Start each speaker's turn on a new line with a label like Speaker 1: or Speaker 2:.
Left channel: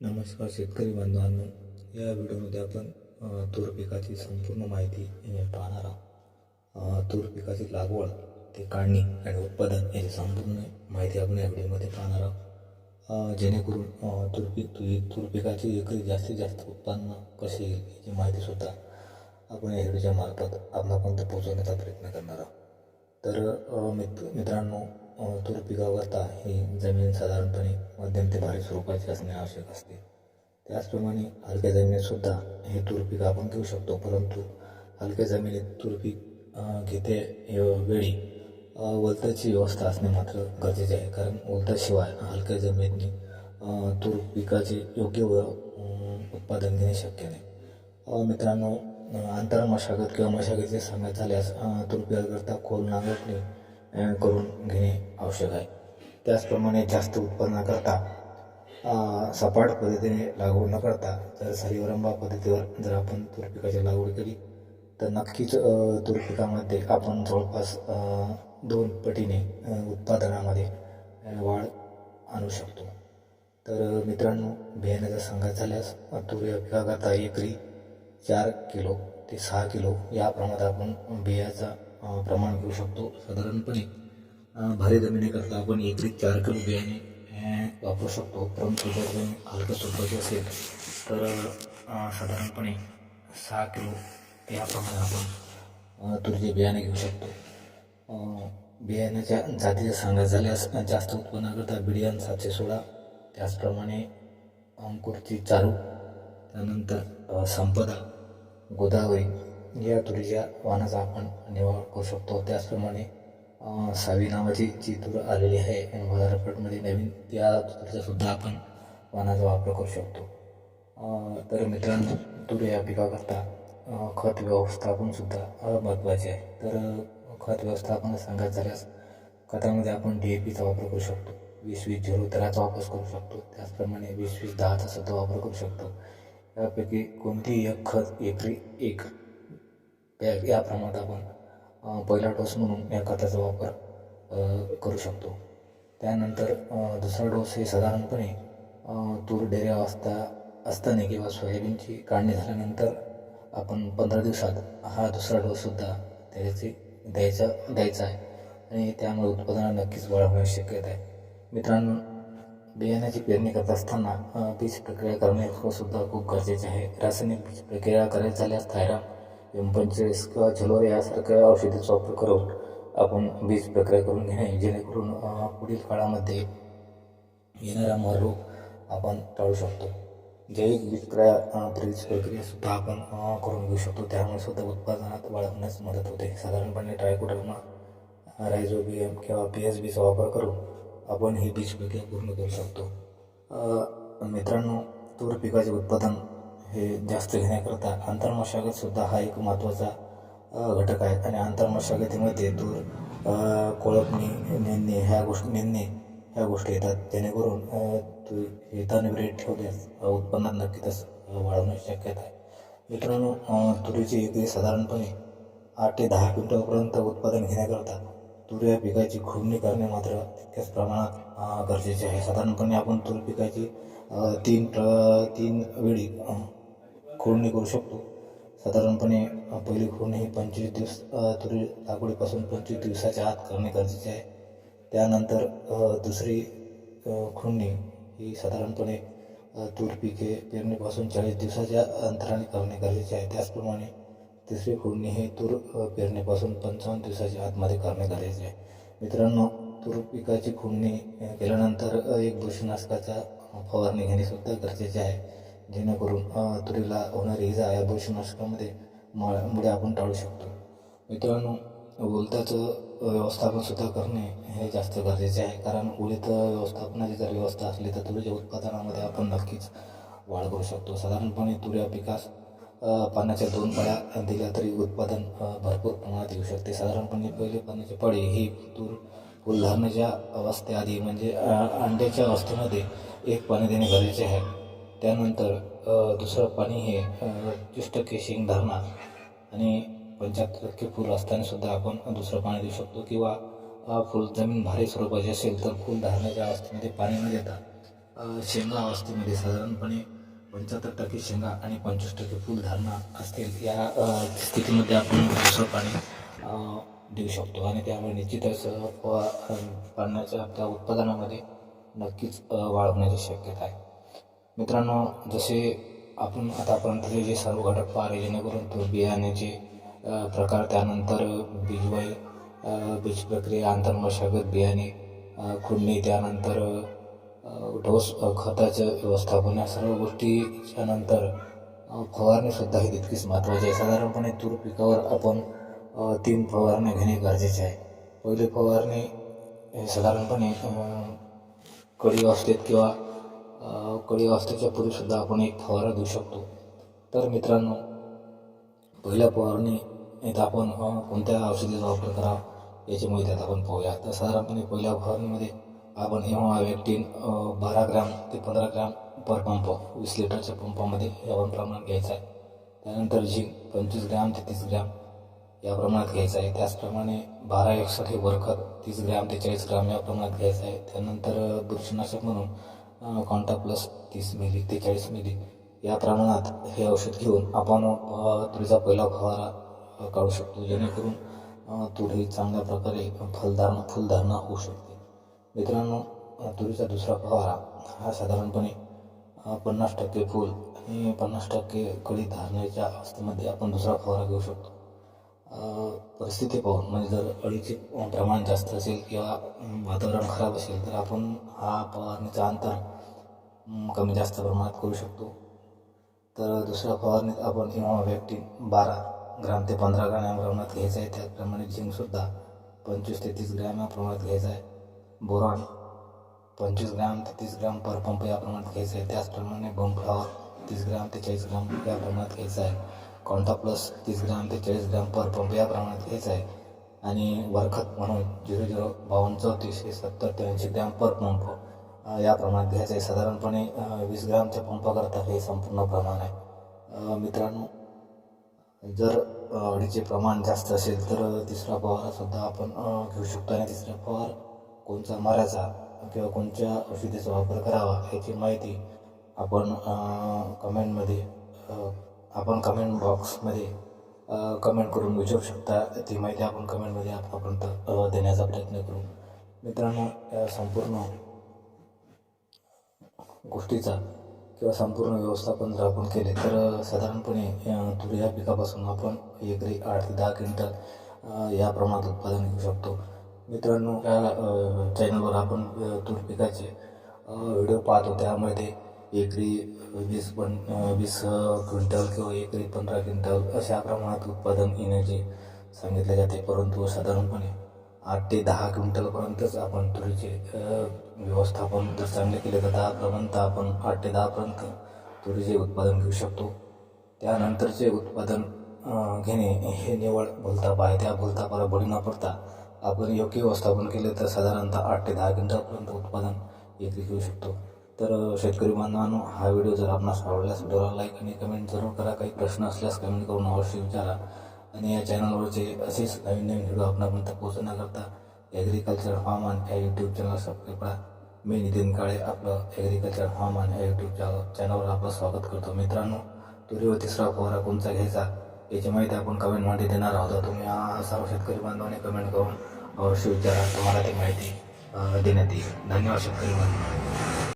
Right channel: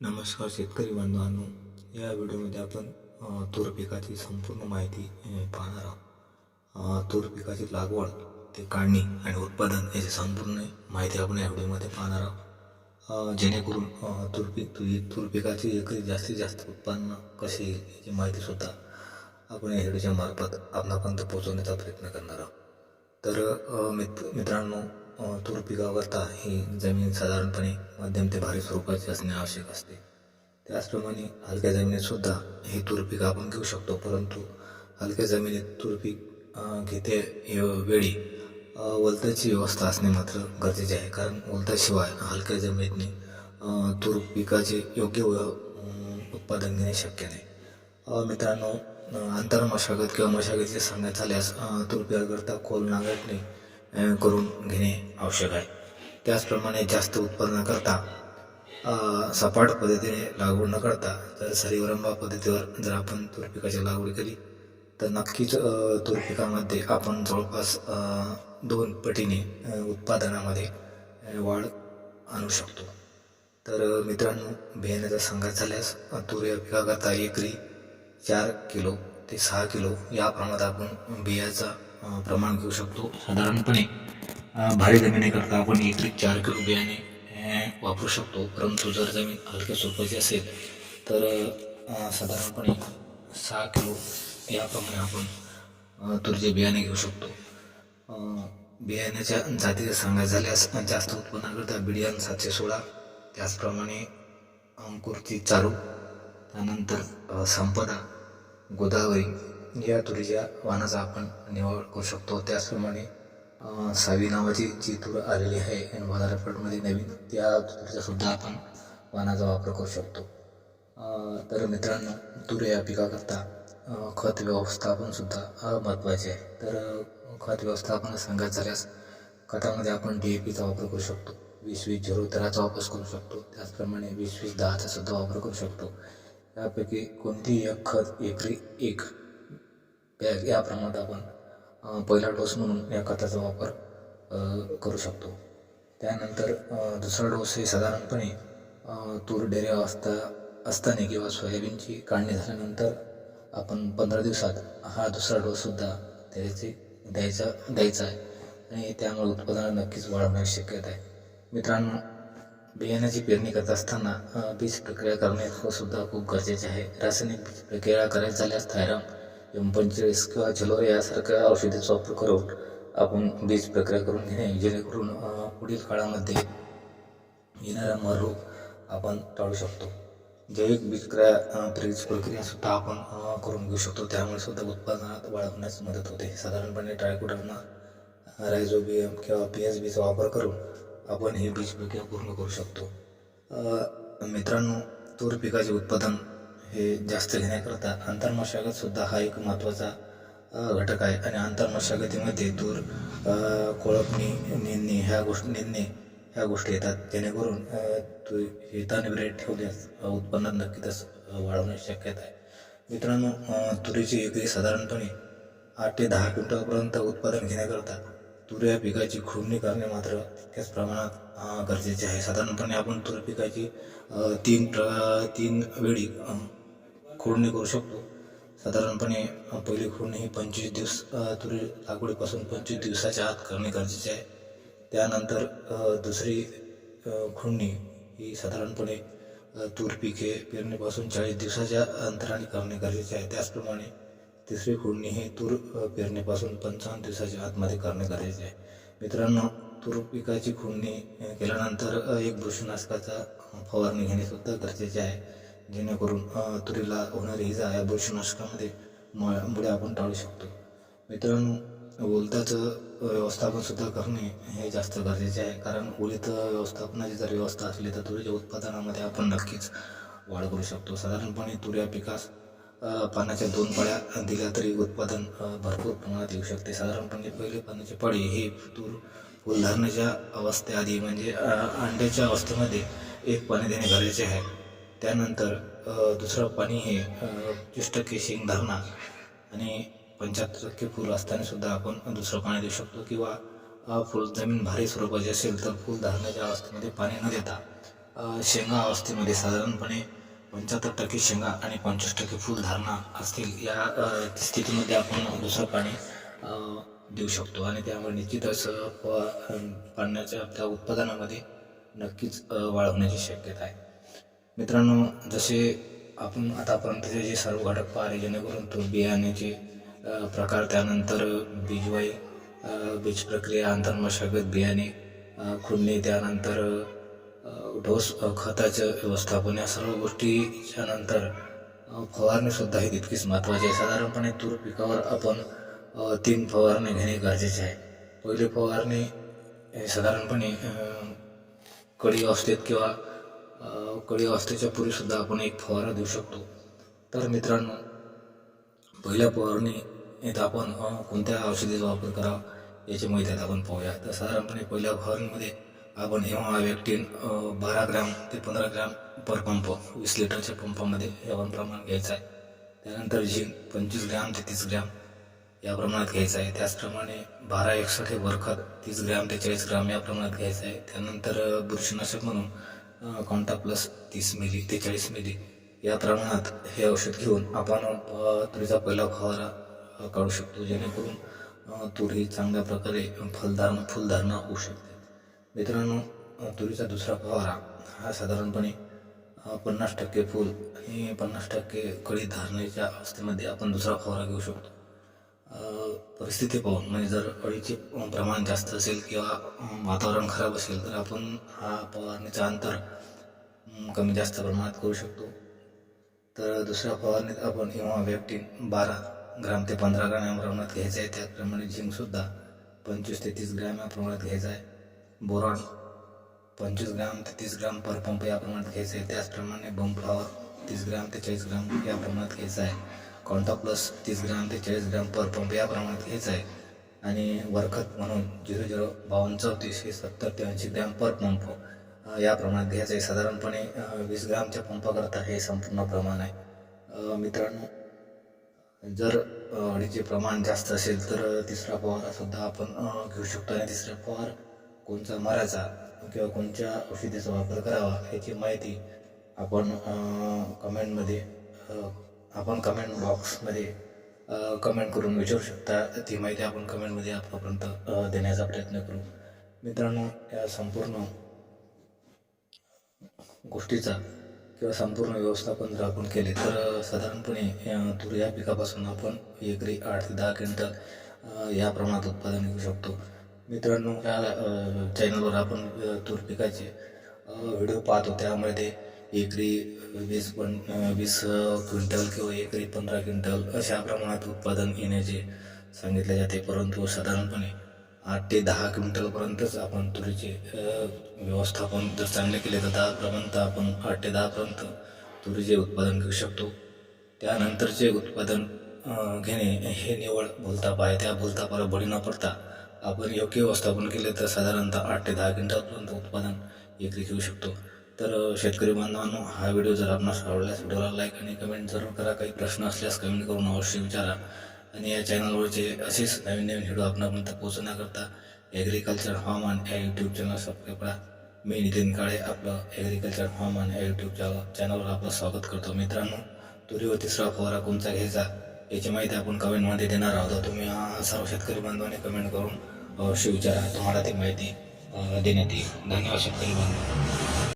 Speaker 1: नमस्कार शेतकरी बांधवांनो या व्हिडिओमध्ये आपण तूर पिकाची संपूर्ण माहिती पाहणार आहोत. तूर पिकाची लागवड ते काढणी आणि उत्पादन याची संपूर्ण माहिती आपण या व्हिडिओमध्ये पाहणार आहोत. जेणेकरून तूर पीक तूर पिकाची एकरी जास्तीत जास्त उत्पन्न कसे येईल याची माहितीसुद्धा आपण या व्हिडिओच्या मार्फत आपणापर्यंत पोहोचवण्याचा प्रयत्न करणार आहोत. तर मित्र मित्रांनो तूर पिकाकरता ही जमीन साधारणपणे मध्यम ते भारी स्वरूपाची असणे आवश्यक असते. त्याचप्रमाणे हलक्या जमिनीतसुद्धा हे तूर पीक आपण घेऊ शकतो परंतु हलक्या जमिनीत तूर पीक घेते वेळी वलताची व्यवस्था असणे मात्र गरजेचे आहे. कारण वलताशिवाय हलक्या जमिनीतने तूर पिकाचे योग्य व उत्पादन घेणे शक्य नाही. मित्रांनो अंतर मशागत किंवा मशागतीचे सांगण्यात झाल्यास तूर पिकाकरता खोल नांगरणे करून घेणे आवश्यक आहे. त्याचप्रमाणे जास्त उत्पादनाकरता सपाट पद्धतीने लागवड न करता जर सरीवरंबा पद्धतीवर जर आपण तूर पिकाची लागवड केली तर नक्कीच तुरपिकामध्ये तूर पिकामध्ये आपण जवळपास दोन पटीने उत्पादनामध्ये वाढ आणू शकतो. तर मित्रांनो बियाण्याचा सांगायचं झाल्यास तूर या पिकाकरता एकरी चार किलो ते सहा किलो या प्रमाणात आपण बियाचा प्रमाण घेऊ शकतो. साधारणपणे भारी जमिनीकरता आपण एकरी चार किलो बियाणे वापरू शकतो. परंतु जर जमीन हलक्या स्वरूपाची असेल तर साधारणपणे सहा किलो याप्रमाणे आपण तुरीचे बियाणे घेऊ शकतो. बियाण्याच्या जातीचं सांगायचं झाल्यास जास्त उत्पन्नाकरता बिडियान सातशे सोळा त्याचप्रमाणे अंकुरची चारू त्यानंतर संपदा गोदावरी या तुरीच्या वाणाचा आपण निवड करू शकतो. त्याचप्रमाणे सावी नावाची जी तूर आलेली आहे आणि बाजारपेठमध्ये नवीन त्या तुरीचा सुद्धा आपण वाणाचा वापर करू शकतो. तर मित्रांनो तूर या पिकाकरता खत व्यवस्थापनसुद्धा महत्त्वाचे आहे. तर खत व्यवस्थापन सांगायचं झाल्यास खतामध्ये आपण डी ए पीचा वापर करू शकतो. वीस वीस झिरो तेराचा वापर करू शकतो. त्याचप्रमाणे वीस वीस दहाचा सुद्धा वापर करू शकतो. यापैकी कोणतेही एक खत एकरी एक या प्रमाणात आपण पहिला डोस म्हणून या खताचा वापर करू शकतो. त्यानंतर दुसरा डोस हे साधारणपणे तूर डेऱ्या असता असताना किंवा सोयाबीनची काढणी झाल्यानंतर आपण पंधरा दिवसात हा दुसरा डोससुद्धा त्याची द्यायचा द्यायचा आहे. आणि त्यामुळे उत्पादनात नक्कीच वाढ होण्याची शक्यता आहे. मित्रांनो बियाण्याची पेरणी करत असताना बीज प्रक्रिया करणे सुद्धा खूप गरजेचे आहे. रासायनिक बीज प्रक्रिया करायची झाल्यास थायराम एम पंचेचाळीस किंवा झलोर यासारख्या औषधीचा वापर करून आपण बीज प्रक्रिया करून घेणे जेणेकरून पुढील काळामध्ये येणारा मर रोग आपण टाळू शकतो. जैविक बीजक्रिया अ, प्रक्रियासुद्धा आपण करून घेऊ शकतो. त्यामुळे सुद्धा उत्पादनात वाढ होण्यास मदत होते. साधारणपणे ट्रायकोडर्मा रायझोबियम किंवा पी एस बीचा वापर करून आपण ही बीज प्रक्रिया पूर्ण करू शकतो. मित्रांनो तूर पिकाचे उत्पादन हे जास्त घेण्याकरता आंतरमशागतसुद्धा हा एक महत्त्वाचा घटक आहे. आणि आंतरमशागतीमध्ये तूर कोळपणी नेणणे ह्या गोष्टी नेणणे ह्या गोष्टी येतात. जेणेकरून तू हे तणविरहित ठेवल्यास उत्पन्नात नक्कीच वाढवण्याची शक्यता आहे. मित्रांनो तुरीची एकरी साधारणपणे आठ ते दहा क्विंटलपर्यंत उत्पादन घेण्याकरता तूर या पिकाची खुडणी करणे मात्र तितक्याच प्रमाणात गरजेचे आहे. साधारणपणे आपण तूर पिकाची तीन प्र तीन वेळी खोडणी करू शकतो. साधारणपणे पहिली खोडणी ही पंचवीस दिवस तुरी लागवडीपासून पंचवीस दिवसाच्या आत करणे गरजेचे आहे. त्यानंतर दुसरी खोडणी खुडणी ही साधारणपणे तूर पिके पेरणीपासून चाळीस दिवसाच्या अंतराने करणे गरजेचे आहे. त्याचप्रमाणे तिसरी खोडणी ही तूर पेरणीपासून पंचावन्न दिवसाच्या आतमध्ये करणे गरजेचे आहे. मित्रांनो तूर पिकाची खोडणी केल्यानंतर एक बुरशीनाशकाचा फवारणी घेणे सुद्धा गरजेचे आहे. जेणेकरून तुरीला होणारी इजा या बुरशीनाशकामध्ये म मुळे आपण टाळू शकतो. मित्रांनो ओलताचं व्यवस्थापनसुद्धा करणे हे जास्त गरजेचे आहे. कारण ओलित व्यवस्थापनाची जर व्यवस्था असली तर तुरीच्या उत्पादनामध्ये आपण नक्कीच वाढ करू शकतो. साधारणपणे तुऱ्या पिकास पाण्याच्या दोन पळ्या दिल्या तरी उत्पादन भरपूर प्रमाणात येऊ शकते. साधारणपणे पहिले पाण्याची पळे हे तूर फुलधारणेच्या अवस्थेआधी म्हणजे अंड्याच्या अवस्थेमध्ये एक पाणी देणे गरजेचे आहे. त्यानंतर दुसरं पाणी हे तीस टक्के शेंगधारणा आणि पंच्याहत्तर टक्के फूल असतानासुद्धा आपण दुसरं पाणी देऊ शकतो किंवा अ, फुल जमीन भारी स्वरूपाची असेल तर फुल धारण्याच्या अवस्थेमध्ये पाणी न देता शेंगा अवस्थेमध्ये साधारणपणे पंच्याहत्तर टक्के शेंगा आणि पंचवीस टक्के फुलधारणा असतील या स्थितीमध्ये आपण दुसरं पाणी देऊ शकतो. आणि त्यामुळे निश्चितच पाण्याच्या त्या उत्पादनामध्ये नक्कीच वाढ होण्याची शक्यता आहे. मित्रांनो जसे आपण आतापर्यंतचे जे सर्व घटक पाहिले जेणेकरून तो बियाण्याचे प्रकार त्यानंतर बीजवाई बीज प्रक्रिया आंतरमशागत बियाणे खुडणी त्यानंतर ढोस खताचं व्यवस्थापन या सर्व गोष्टीच्या नंतर फवारणीसुद्धा ही तितकीच महत्त्वाची आहे. साधारणपणे तूर पिकावर आपण तीन फवारणी घेणे गरजेचे आहे. पहिली फवारणी हे साधारणपणे कडी अवस्थेत किंवा अ, असल्याच्या पूर्वीसुद्धा आपण एक फवारा देऊ शकतो. तर मित्रांनो पहिल्या फवारणी येत आपण कोणत्या औषधीचा वापर करावा याची माहिती आता आपण पाहूया. तर साधारणपणे पहिल्या फवारणीमध्ये आपण हेमा वॅक्टिन बारा ग्रॅम ते पंधरा ग्रॅम पर पंप वीस लिटरच्या पंपामध्ये यावर प्रमाण घ्यायचं आहे. त्यानंतर झिंक पंचवीस ग्रॅम ते तीस ग्रॅम या प्रमाणात घ्यायचं आहे. त्याचप्रमाणे बारा एकसठ हे वरखत तीस ग्रॅम ते चाळीस ग्रॅम या प्रमाणात घ्यायचं आहे. त्यानंतर बुरशीनाशक म्हणून कॉन्टा प्लस तीस मिली ते चाळीस मिली या प्रमाणात हे औषध घेऊन आपण तुरीचा पहिला फवारा काढू शकतो जेणेकरून तुरी चांगल्या प्रकारे फलधारणा फुलधारणा होऊ शकते. मित्रांनो तुरीचा दुसरा फवारा हा साधारणपणे पन्नास टक्के फूल हे पन्नास टक्के कळी धारण्याच्या अवस्थेमध्ये आपण दुसरा फवारा घेऊ शकतो. परिस्थिती पाहून म्हणजे जर अळीचे प्रमाण जास्त असेल किंवा वातावरण खराब असेल तर आपण हा फवारणीचा अंतर कमी जास्त प्रमाणात करू शकतो. तर दुसऱ्या फवारणीत आपण इव्हा वॅक्टिन बारा ग्राम ते पंधरा ग्राम या प्रमाणात घ्यायचं आहे. त्याचप्रमाणे झिंकसुद्धा पंचवीस ते तीस ग्रॅम या प्रमाणात घ्यायचं आहे. बोरॉन पंचवीस ग्राम ते तीस ग्राम पर पंप या प्रमाणात घ्यायचं आहे. त्याचप्रमाणे बम फ्लॉवर तीस ग्राम ते चाळीस ग्राम या प्रमाणात घ्यायचं आहे. कॉन्टा प्लस तीस ग्रॅम ते चाळीस ग्रॅम पर पंप या प्रमाणात घ्यायचं आहे. आणि वरखत म्हणून झिरो झिरो बावन्न चौतीस हे सत्तर ते ऐंशी ग्रॅम पर पंप या प्रमाणात घ्यायचं आहे. साधारणपणे वीस ग्रामच्या पंपाकरता हे संपूर्ण प्रमाण आहे. मित्रांनो जर अडीचे प्रमाण जास्त असेल तर तिसरा फवारासुद्धा आपण घेऊ शकतो. आणि तिसरा फवार कोणचा? मराचा. किंवा कोणत्या औषधीचा वापर करावा याची माहिती आपण कमेंटमध्ये आपण कमेंट बॉक्समध्ये कमेंट करून विचारू शकता. ती माहिती आपण कमेंटमध्ये आतापर्यंत देण्याचा प्रयत्न करू. मित्रांनो या संपूर्ण गोष्टीचा किंवा संपूर्ण व्यवस्थापन जर आपण केले तर साधारणपणे तूर या पिकापासून आपण एकरी आठ ते दहा क्विंटल या प्रमाणात उत्पादन घेऊ शकतो. मित्रांनो या चॅनलवर आपण तूर पिकाचे व्हिडिओ पाहतो. त्यामध्ये एकरी वीस पण वीस क्विंटल किंवा एकरी पंधरा क्विंटल अशा प्रमाणात उत्पादन येण्याचे सांगितले जाते. परंतु साधारणपणे आठ ते दहा क्विंटलपर्यंतच आपण तुरीचे व्यवस्थापन जर चांगले केले तर दहापर्यंत आपण आठ ते दहापर्यंत तुरीचे उत्पादन घेऊ शकतो. त्यानंतरचे उत्पादन घेणे हे निवळ भूलताप आहे त्या भूलतापाला बळी न पडता आपण योग्य व्यवस्थापन केले तर साधारणतः आठ ते दहा क्विंटलपर्यंत उत्पादन एकरी घेऊ शकतो. तर शेतकरी बांधवांनो हा व्हिडिओ जर आपणास आवडल्यास व्हिडिओला लाईक आणि कमेंट जरूर करा. काही प्रश्न असल्यास कमेंट करून अवश्य विचारा. आणि या चॅनलवरचे असेच नवीन नवीन व्हिडिओ आपणापर्यंत पोहोचण्याकरता ॲग्रिकल्चर हवामान या यूट्यूब चॅनल सबस्क्राईब करा. मी नितीन काळे आपलं ॲग्रिकल्चर हवामान या यूट्यूब चॅनलवर आपलं स्वागत करतो. मित्रांनो तुरीवर तिसरा फवारा कोणता घ्यायचा याची माहिती आपण कमेंटमध्ये देणार आहोत. तुम्ही सर्व शेतकरी बांधवांनी कमेंट करून अवश्य विचारा. तुम्हाला ती माहिती देण्यात येईल. धन्यवाद शेतकरी बांधव